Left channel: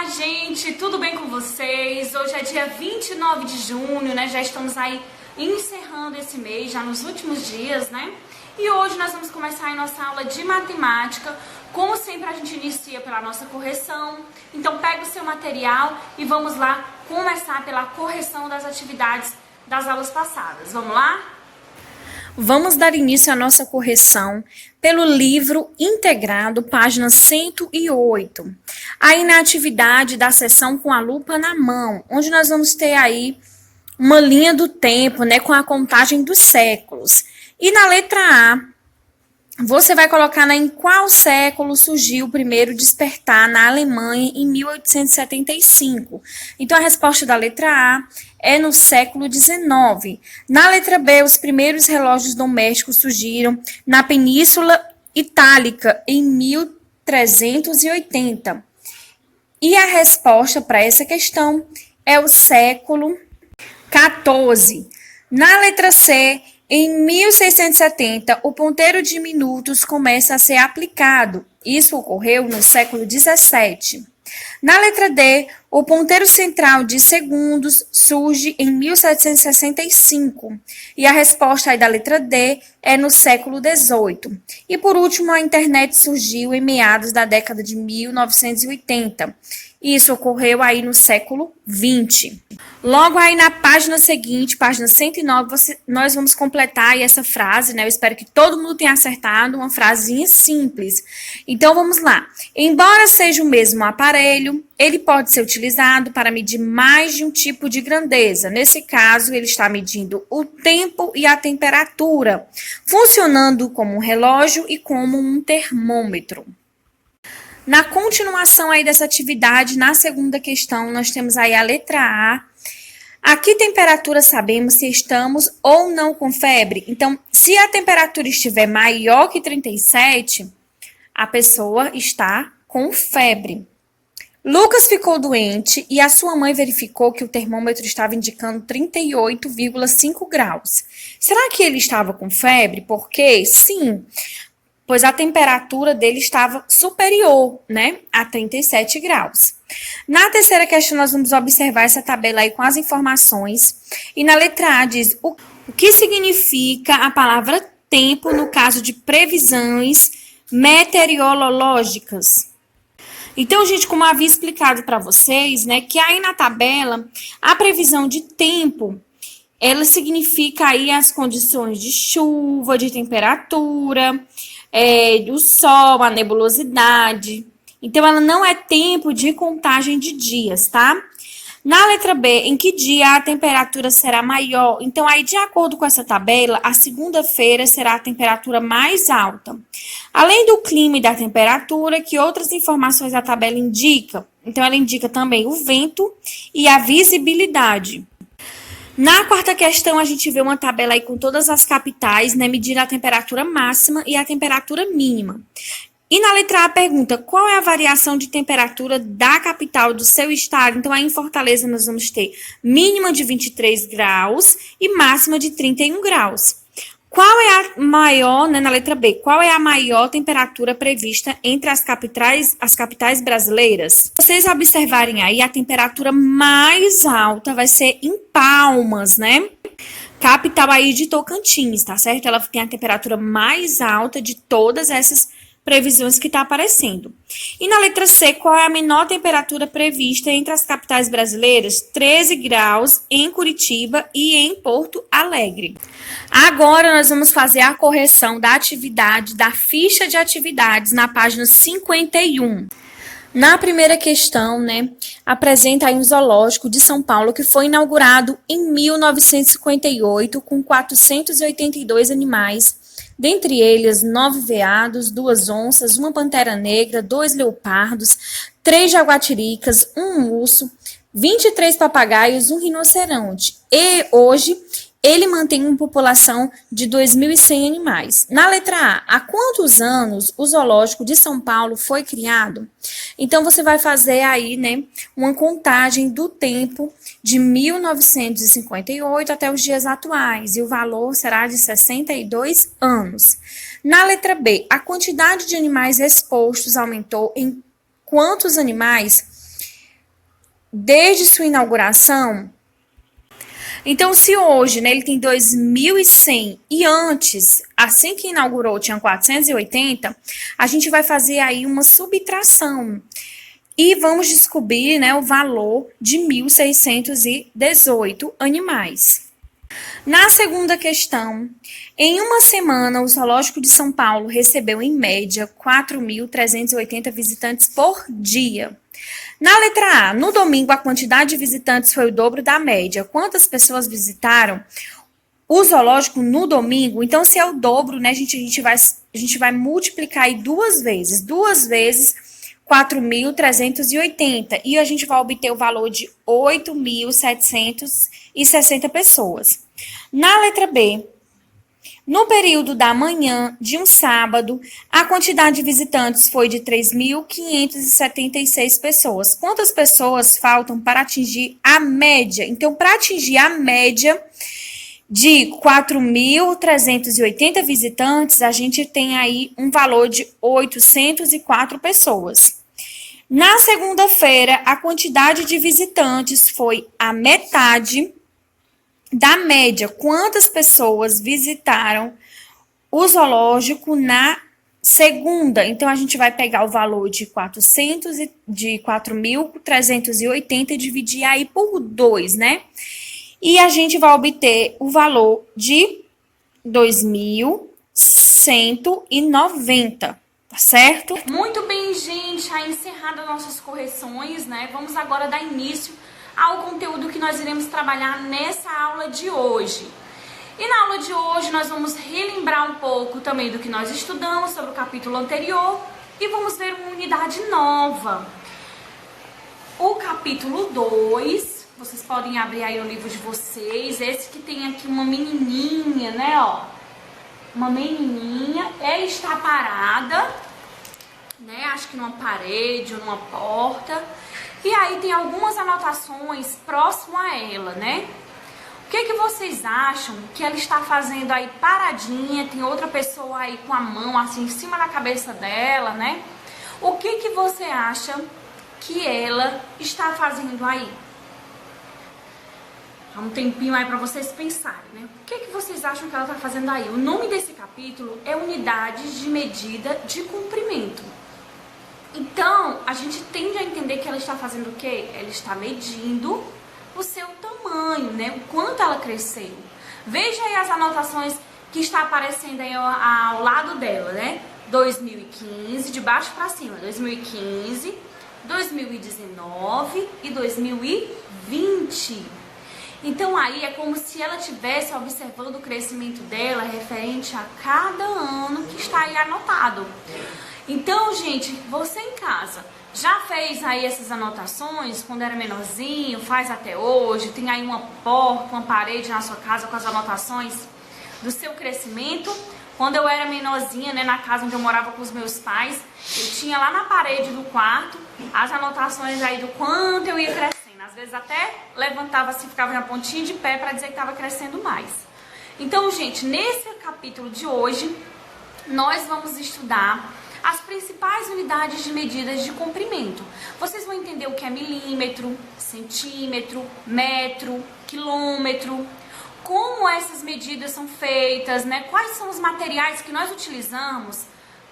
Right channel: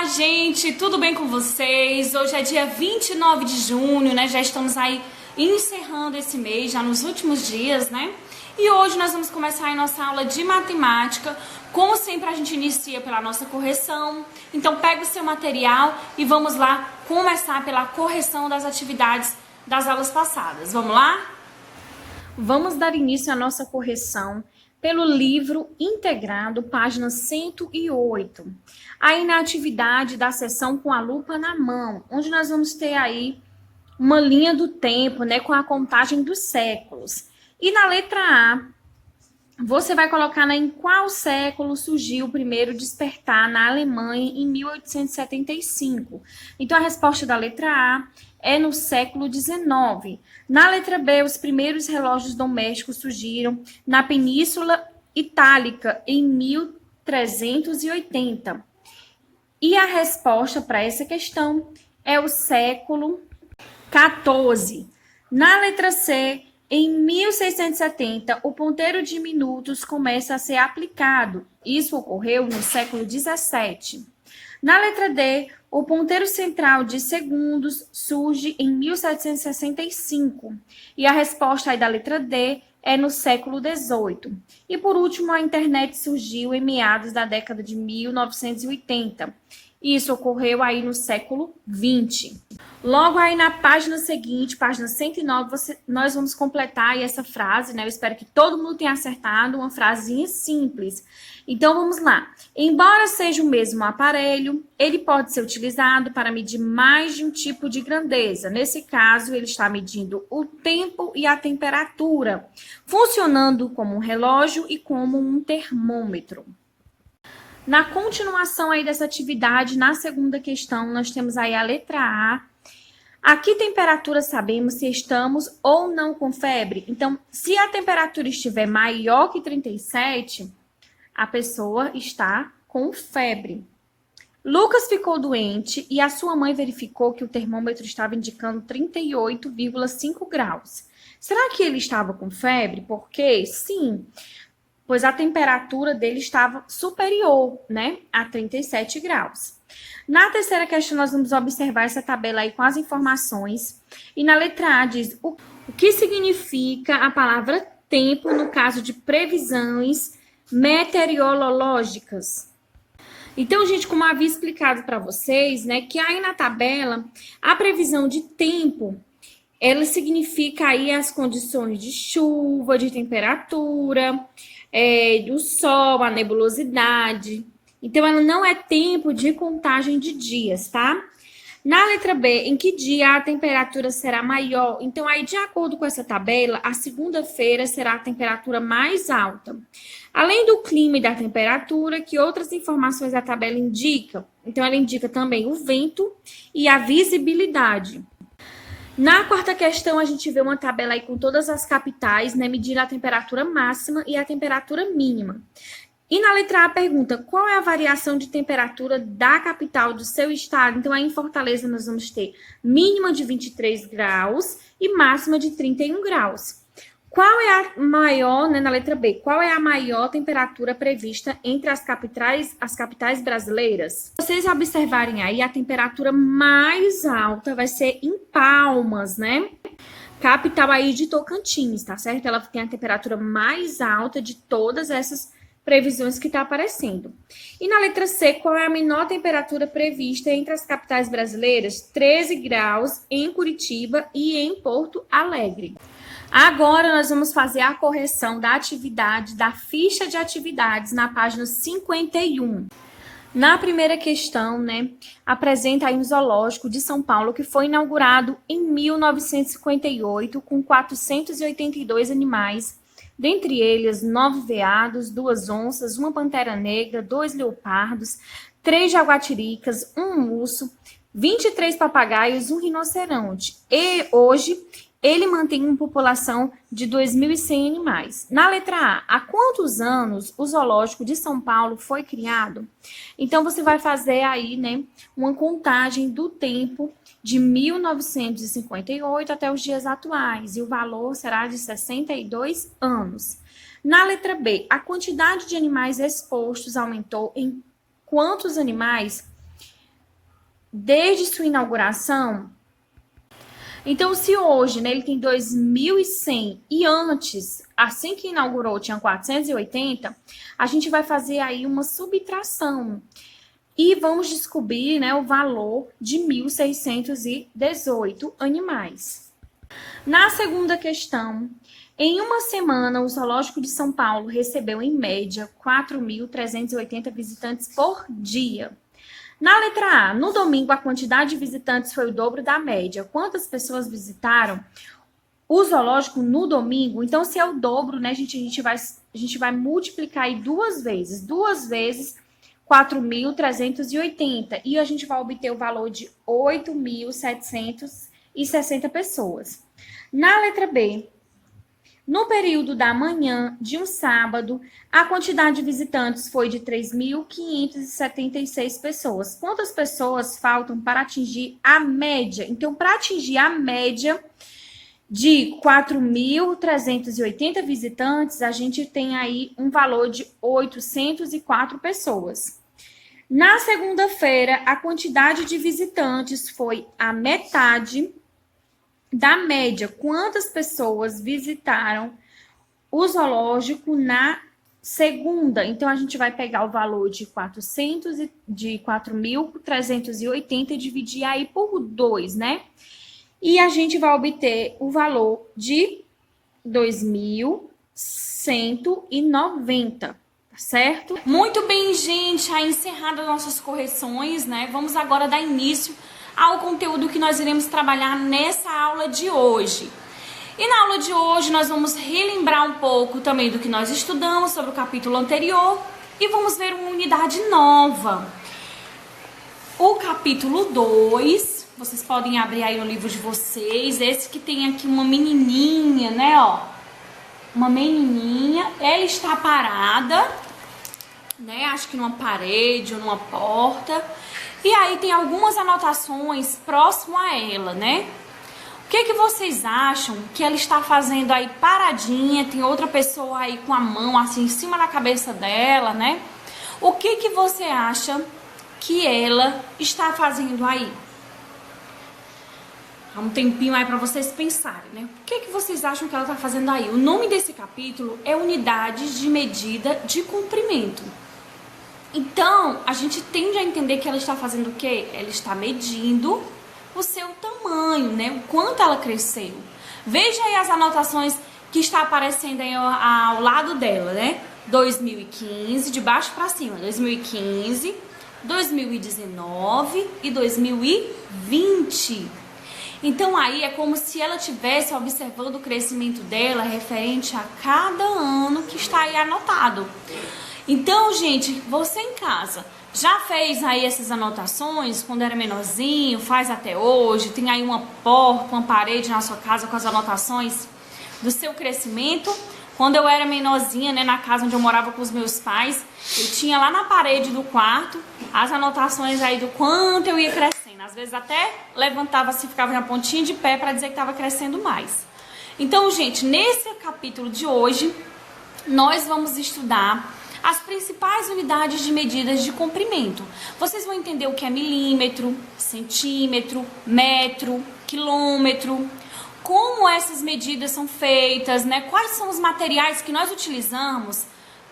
Olá, gente, tudo bem com vocês? Hoje é dia 29 de junho, né? Já estamos aí encerrando esse mês, já nos últimos dias, né? E hoje nós vamos começar a nossa aula de matemática. Como sempre, a gente inicia pela nossa correção. Então, pega o seu material e vamos lá começar pela correção das atividades das aulas passadas. Vamos lá? Vamos dar início à nossa correção pelo livro integrado, página 108. Aí na atividade da sessão com a lupa na mão, onde nós vamos ter aí uma linha do tempo, né, com a contagem dos séculos. E na letra A, você vai colocar em qual século surgiu o primeiro despertar na Alemanha em 1875. Então, a resposta da letra A é no século XIX. Na letra B, os primeiros relógios domésticos surgiram na Península Itálica em 1380. E a resposta para essa questão é o século XIV. Na letra C, em 1670, o ponteiro de minutos começa a ser aplicado. Isso ocorreu no século XVII. Na letra D, o ponteiro central de segundos surge em 1765. E a resposta aí da letra D é no século XVIII. E por último, a internet surgiu em meados da década de 1980. Isso ocorreu aí no século XX. Logo aí na página seguinte, página 109, nós vamos completar aí essa frase, né? Eu espero que todo mundo tenha acertado, uma frasinha simples. Então, vamos lá. Embora seja o mesmo aparelho, ele pode ser utilizado para medir mais de um tipo de grandeza. Nesse caso, ele está medindo o tempo e a temperatura, funcionando como um relógio e como um termômetro. Na continuação aí dessa atividade, na segunda questão, nós temos aí a letra A. A que temperatura sabemos se estamos ou não com febre? Então, se a temperatura estiver maior que 37, a pessoa está com febre. Lucas ficou doente e a sua mãe verificou que o termômetro estava indicando 38,5 graus. Será que ele estava com febre? Por quê? Sim, pois a temperatura dele estava superior, né, a 37 graus. Na terceira questão, nós vamos observar essa tabela aí com as informações. E na letra A diz o que significa a palavra tempo no caso de previsões meteorológicas. Então, gente, como eu havia explicado para vocês, né, que aí na tabela, a previsão de tempo, ela significa aí as condições de chuva, de temperatura, do sol, a nebulosidade. Então, ela não é tempo de contagem de dias, tá? Na letra B, em que dia a temperatura será maior? Então, aí, de acordo com essa tabela, a segunda-feira será a temperatura mais alta. Além do clima e da temperatura, que outras informações a tabela indica? Então, ela indica também o vento e a visibilidade. Na quarta questão, a gente vê uma tabela aí com todas as capitais, né, medindo a temperatura máxima e a temperatura mínima. E na letra A pergunta, qual é a variação de temperatura da capital do seu estado? Então, aí em Fortaleza nós vamos ter mínima de 23 graus e máxima de 31 graus. Qual é a maior, né, na letra B, qual é a maior temperatura prevista entre as capitais brasileiras? Se vocês observarem aí, a temperatura mais alta vai ser em Palmas, né? Capital aí de Tocantins, tá certo? Ela tem a temperatura mais alta de todas essas previsões que está aparecendo. E na letra C, qual é a menor temperatura prevista entre as capitais brasileiras? 13 graus em Curitiba e em Porto Alegre. Agora, nós vamos fazer a correção da atividade, da ficha de atividades, na página 51. Na primeira questão, né, apresenta aí um zoológico de São Paulo que foi inaugurado em 1958 com 482 animais, dentre eles 9 veados, 2 onças, uma pantera negra, 2 leopardos, 3 jaguatiricas, um urso, 23 papagaios, um rinoceronte. E hoje ele mantém uma população de 2.100 animais. Na letra A, há quantos anos o zoológico de São Paulo foi criado? Então, você vai fazer aí, né, uma contagem do tempo de 1958 até os dias atuais, e o valor será de 62 anos. Na letra B, a quantidade de animais expostos aumentou em quantos animais? desde sua inauguração. Então, se hoje, né, ele tem 2.100 e antes, assim que inaugurou, tinha 480, a gente vai fazer aí uma subtração e vamos descobrir, né, o valor de 1.618 animais. Na segunda questão, em uma semana, o Zoológico de São Paulo recebeu, em média, 4.380 visitantes por dia. Na letra A, no domingo, a quantidade de visitantes foi o dobro da média. Quantas pessoas visitaram o zoológico no domingo? Então, se é o dobro, né, a gente vai multiplicar aí duas vezes. 4.380. E a gente vai obter o valor de 8.760 pessoas. Na letra B, no período da manhã de um sábado, a quantidade de visitantes foi de 3.576 pessoas. Quantas pessoas faltam para atingir a média? Então, para atingir a média de 4.380 visitantes, a gente tem aí um valor de 804 pessoas. Na segunda-feira, a quantidade de visitantes foi a metade da média. Quantas pessoas visitaram o zoológico na segunda? Então, a gente vai pegar o valor de 4.380 e dividir aí por 2, né? E a gente vai obter o valor de 2.190, tá certo? Muito bem, gente. Aí encerradas nossas correções, né? Vamos agora dar início ao conteúdo que nós iremos trabalhar nessa aula de hoje. E na aula de hoje nós vamos relembrar um pouco também do que nós estudamos sobre o capítulo anterior e vamos ver uma unidade nova. O capítulo 2, vocês podem abrir aí o livro de vocês, esse que tem aqui uma menininha, né, ó. Uma menininha, ela está parada, né, acho que numa parede ou numa porta. E aí tem algumas anotações próximo a ela, né? O que vocês acham que ela está fazendo aí paradinha? Tem outra pessoa aí com a mão assim em cima da cabeça dela, né? O que você acha que ela está fazendo aí? Há um tempinho aí para vocês pensarem, né? O que vocês acham que ela está fazendo aí? O nome desse capítulo é Unidades de Medida de Comprimento. Então, a gente tende a entender que ela está fazendo o quê? Ela está medindo o seu tamanho, né? O quanto ela cresceu. Veja aí as anotações que está aparecendo aí ao lado dela, né? 2015, de baixo para cima. 2015, 2019 e 2020. Então, aí é como se ela estivesse observando o crescimento dela referente a cada ano que está aí anotado. Então, gente, você em casa já fez aí essas anotações quando era menorzinho, faz até hoje, tem aí uma porta, uma parede na sua casa com as anotações do seu crescimento? Quando eu era menorzinha, né, na casa onde eu morava com os meus pais, eu tinha lá na parede do quarto as anotações aí do quanto eu ia crescendo. Às vezes até levantava assim, ficava na pontinha de pé para dizer que estava crescendo mais. Então, gente, nesse capítulo de hoje, nós vamos estudar as principais unidades de medidas de comprimento. Vocês vão entender o que é milímetro, centímetro, metro, quilômetro, como essas medidas são feitas, né? Quais são os materiais que nós utilizamos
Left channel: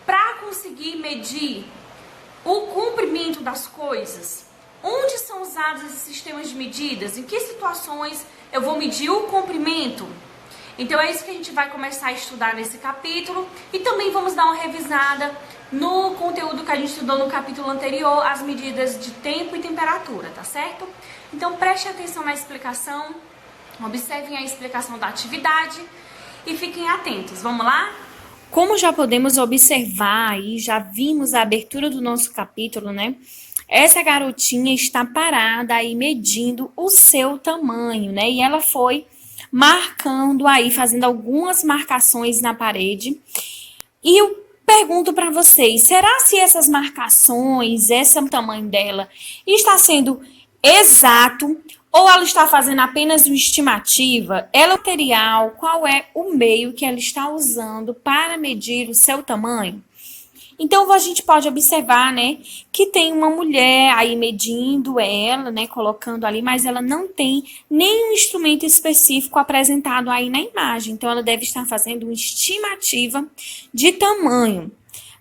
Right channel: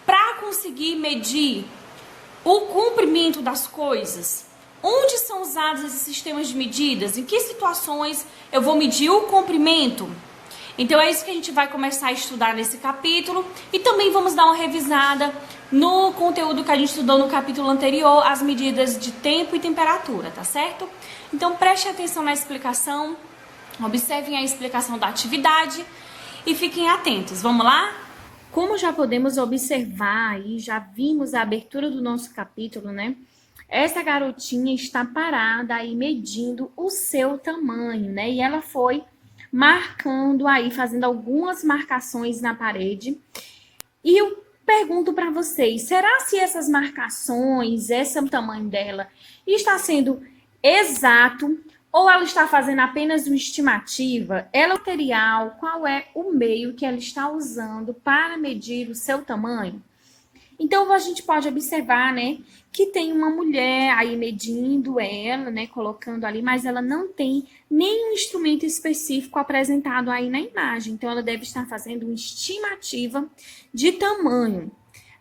para conseguir medir o comprimento das coisas. Onde são usados esses sistemas de medidas? Em que situações eu vou medir o comprimento? Então é isso que a gente vai começar a estudar nesse capítulo e também vamos dar uma revisada no conteúdo que a gente estudou no capítulo anterior, as medidas de tempo e temperatura, tá certo? Então preste atenção na explicação, observem a explicação da atividade e fiquem atentos. Vamos lá? Como já podemos observar e já vimos a abertura do nosso capítulo, né? Essa garotinha está parada aí medindo o seu tamanho, né? E ela foi marcando aí, fazendo algumas marcações na parede. E eu pergunto para vocês, será se essas marcações, esse tamanho dela, está sendo exato ou ela está fazendo apenas uma estimativa? Ela é material, qual é o meio que ela está usando para medir o seu tamanho? Então, a gente pode observar, né, que tem uma mulher aí medindo ela, né, colocando ali, mas ela não tem nenhum instrumento específico apresentado aí na imagem. Então, ela deve estar fazendo uma estimativa de tamanho.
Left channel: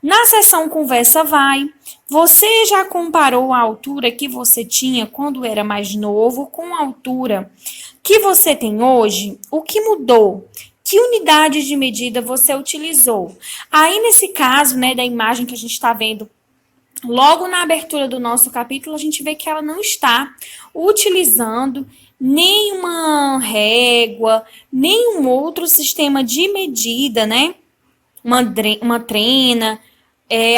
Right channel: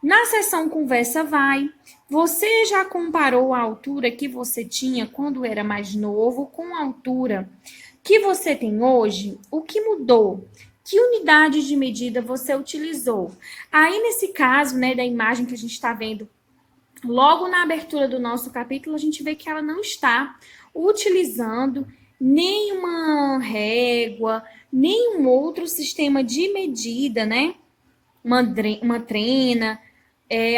Na seção Conversa Vai, você já comparou a altura que você tinha quando era mais novo com a altura que você tem hoje? O que mudou? Que unidade de medida você utilizou? Aí, nesse caso, né, da imagem que a gente está vendo, logo na abertura do nosso capítulo, a gente vê que ela não está utilizando nenhuma régua, nenhum outro sistema de medida, né? Uma trena,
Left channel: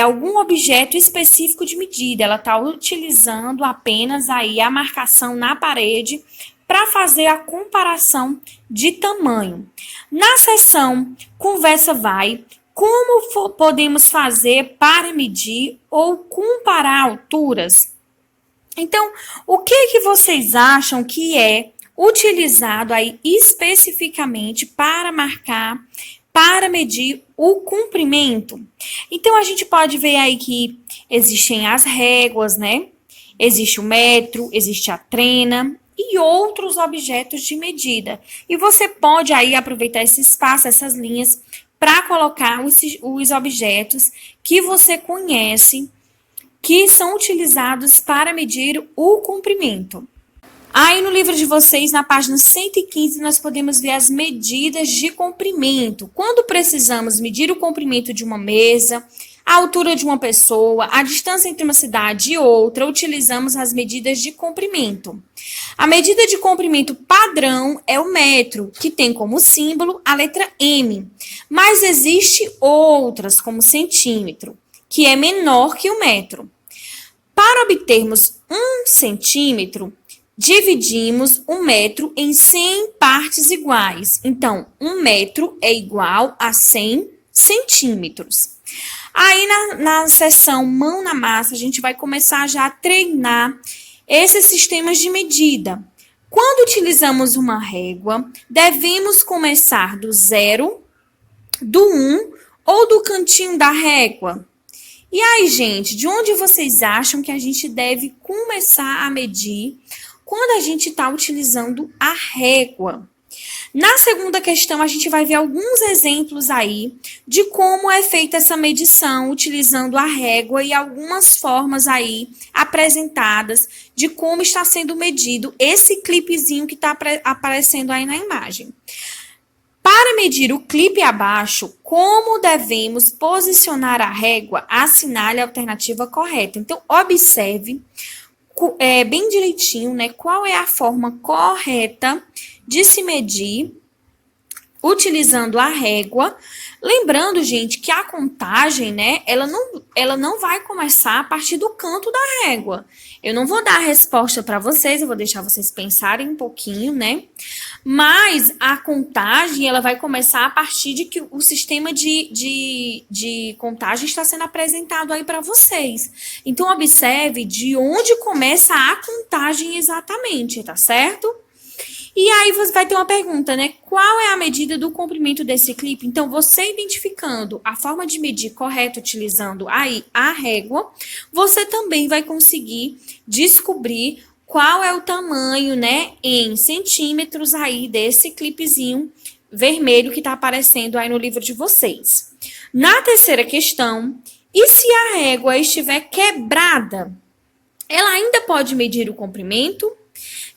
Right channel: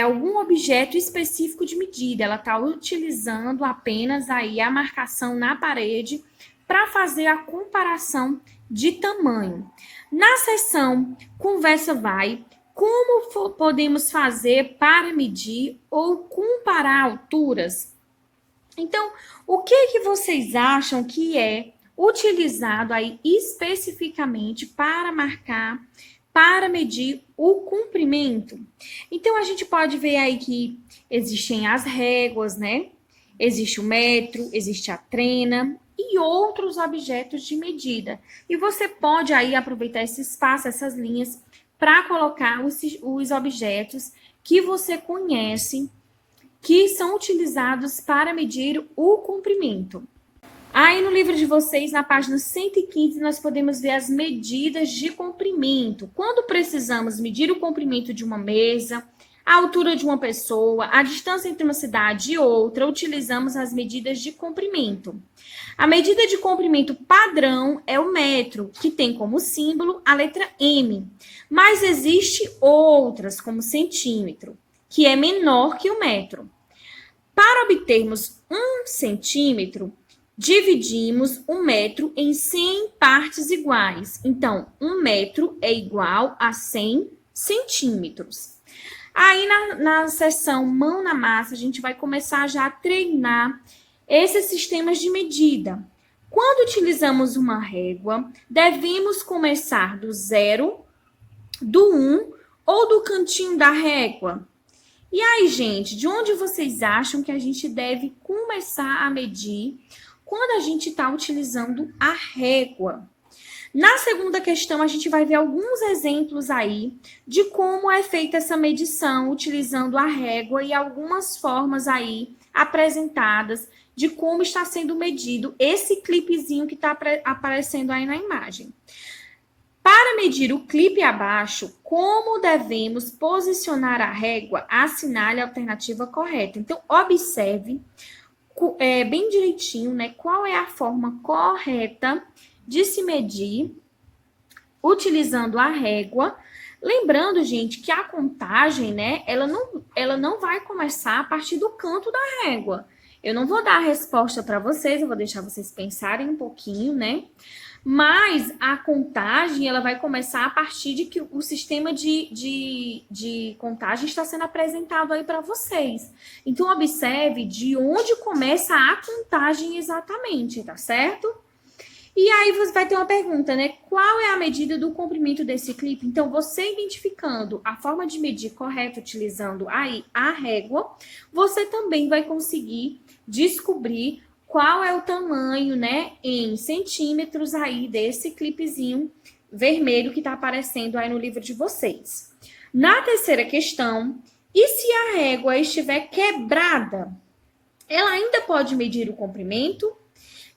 algum objeto específico de medida. Ela está utilizando apenas aí a marcação na parede para fazer a comparação de tamanho. Na seção Conversa Vai, como podemos fazer para medir ou comparar alturas? Então, o que vocês acham que é utilizado aí especificamente para marcar, para medir o comprimento? Então, a gente pode ver aí que existem as réguas, né? Existe o metro, existe a trena e outros objetos de medida. E você pode aí aproveitar esse espaço, essas linhas, para colocar os objetos que você conhece, que são utilizados para medir o comprimento. Aí no livro de vocês, na página 115, nós podemos ver as medidas de comprimento. Quando precisamos medir o comprimento de uma mesa, a altura de uma pessoa, a distância entre uma cidade e outra, utilizamos as medidas de comprimento. A medida de comprimento padrão é o metro, que tem como símbolo a letra M. Mas existe outras, como centímetro, que é menor que o metro. Para obtermos 1 centímetro, dividimos um metro em 100 partes iguais. Então, 1 metro é igual a 100 centímetros. Aí, na seção Mão na Massa, a gente vai começar já a treinar esses sistemas de medida. Quando utilizamos uma régua, devemos começar do 0, do 1 ou do cantinho da régua. E aí, gente, de onde vocês acham que a gente deve começar a medir quando a gente está utilizando a régua? Na segunda questão, a gente vai ver alguns exemplos aí de como é feita essa medição utilizando a régua e algumas formas aí apresentadas de como está sendo medido esse clipezinho que está aparecendo aí na imagem. Para medir o clipe abaixo, como devemos posicionar a régua? Assinale a alternativa correta. Então, observe bem direitinho, né, qual é a forma correta de se medir utilizando a régua. Lembrando, gente, que a contagem, né, ela não vai começar a partir do canto da régua. Eu não vou dar a resposta para vocês, eu vou deixar vocês pensarem um pouquinho, né? Mas a contagem, ela vai começar a partir de que o sistema de contagem está sendo apresentado aí para vocês. Então, observe de onde começa a contagem exatamente, tá certo? E aí você vai ter uma pergunta, né? Qual é a medida do comprimento desse clipe? Então, você identificando a forma de medir correta, utilizando aí a régua, você também vai conseguir descobrir qual é o tamanho, né, em centímetros aí desse clipezinho vermelho que está aparecendo aí no livro de vocês. Na terceira questão, e se a régua estiver quebrada? Ela ainda pode medir o comprimento?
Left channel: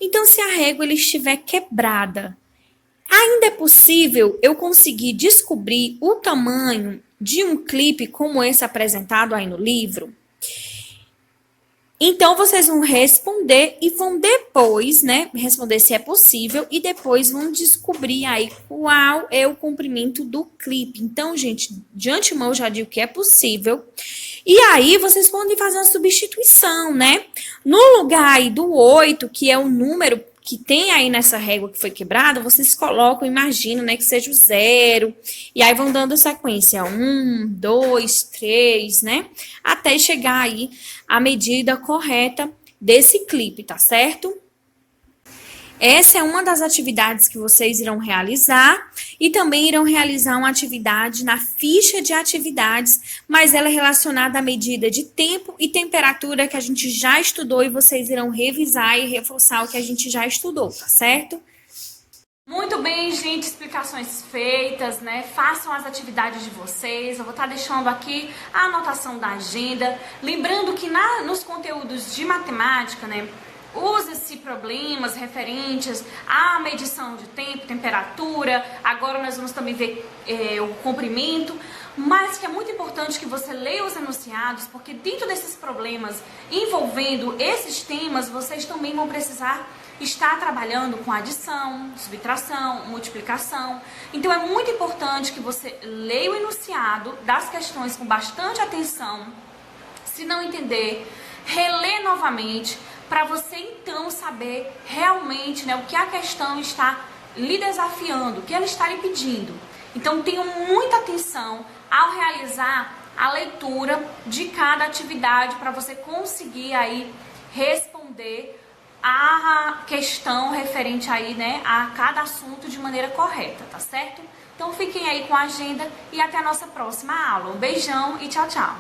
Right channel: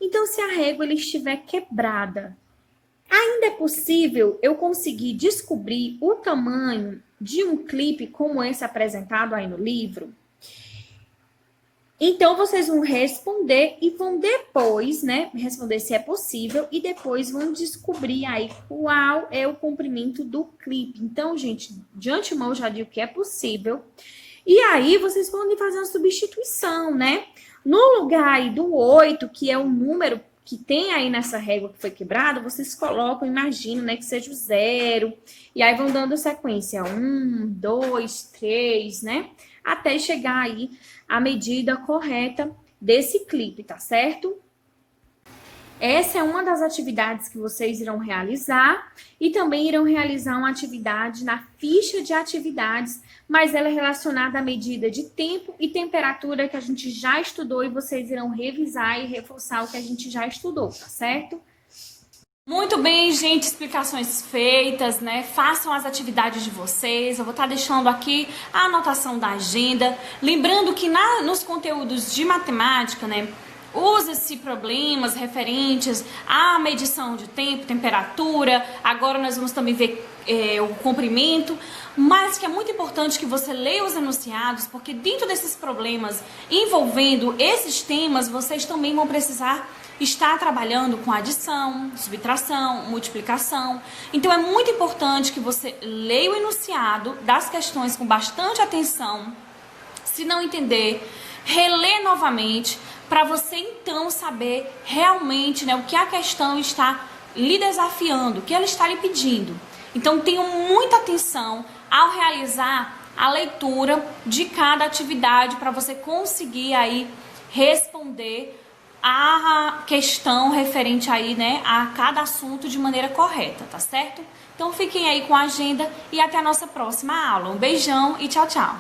Então, se a régua estiver quebrada, ainda é possível eu conseguir descobrir o tamanho de um clipe como esse apresentado aí no livro? Então, vocês vão responder e vão depois, né, responder se é possível e depois vão descobrir aí qual é o comprimento do clipe. Então, gente, de antemão eu já digo que é possível. E aí, vocês podem fazer uma substituição, né? No lugar aí do 8, que é o número que tem aí nessa régua que foi quebrada, vocês colocam, imagino, né, que seja o 0. E aí vão dando sequência 1, 2, 3, né? Até chegar aí a medida correta desse clipe, tá certo? Essa é uma das atividades que vocês irão realizar e também irão realizar uma atividade na ficha de atividades, mas ela é relacionada à medida de tempo e temperatura que a gente já estudou e vocês irão revisar e reforçar o que a gente já estudou, tá certo? Muito bem, gente, explicações feitas, né? Façam as atividades de vocês. Eu vou estar deixando aqui a anotação da agenda. Lembrando que nos conteúdos de matemática, né? Usa-se problemas referentes à medição de tempo, temperatura. Agora nós vamos também ver o comprimento, mas que é muito importante que você leia os enunciados, porque dentro desses problemas envolvendo esses temas, vocês também vão precisar estar trabalhando com adição, subtração, multiplicação. Então é muito importante que você leia o enunciado das questões com bastante atenção. Se não entender, relê novamente, para você então saber realmente, né, o que a questão está lhe desafiando, o que ela está lhe pedindo. Então tenham muita atenção ao realizar a leitura de cada atividade para você conseguir aí responder a questão referente aí, né, a cada assunto de maneira correta, tá certo? Então fiquem aí com a agenda e até a nossa próxima aula. Um beijão e tchau, tchau!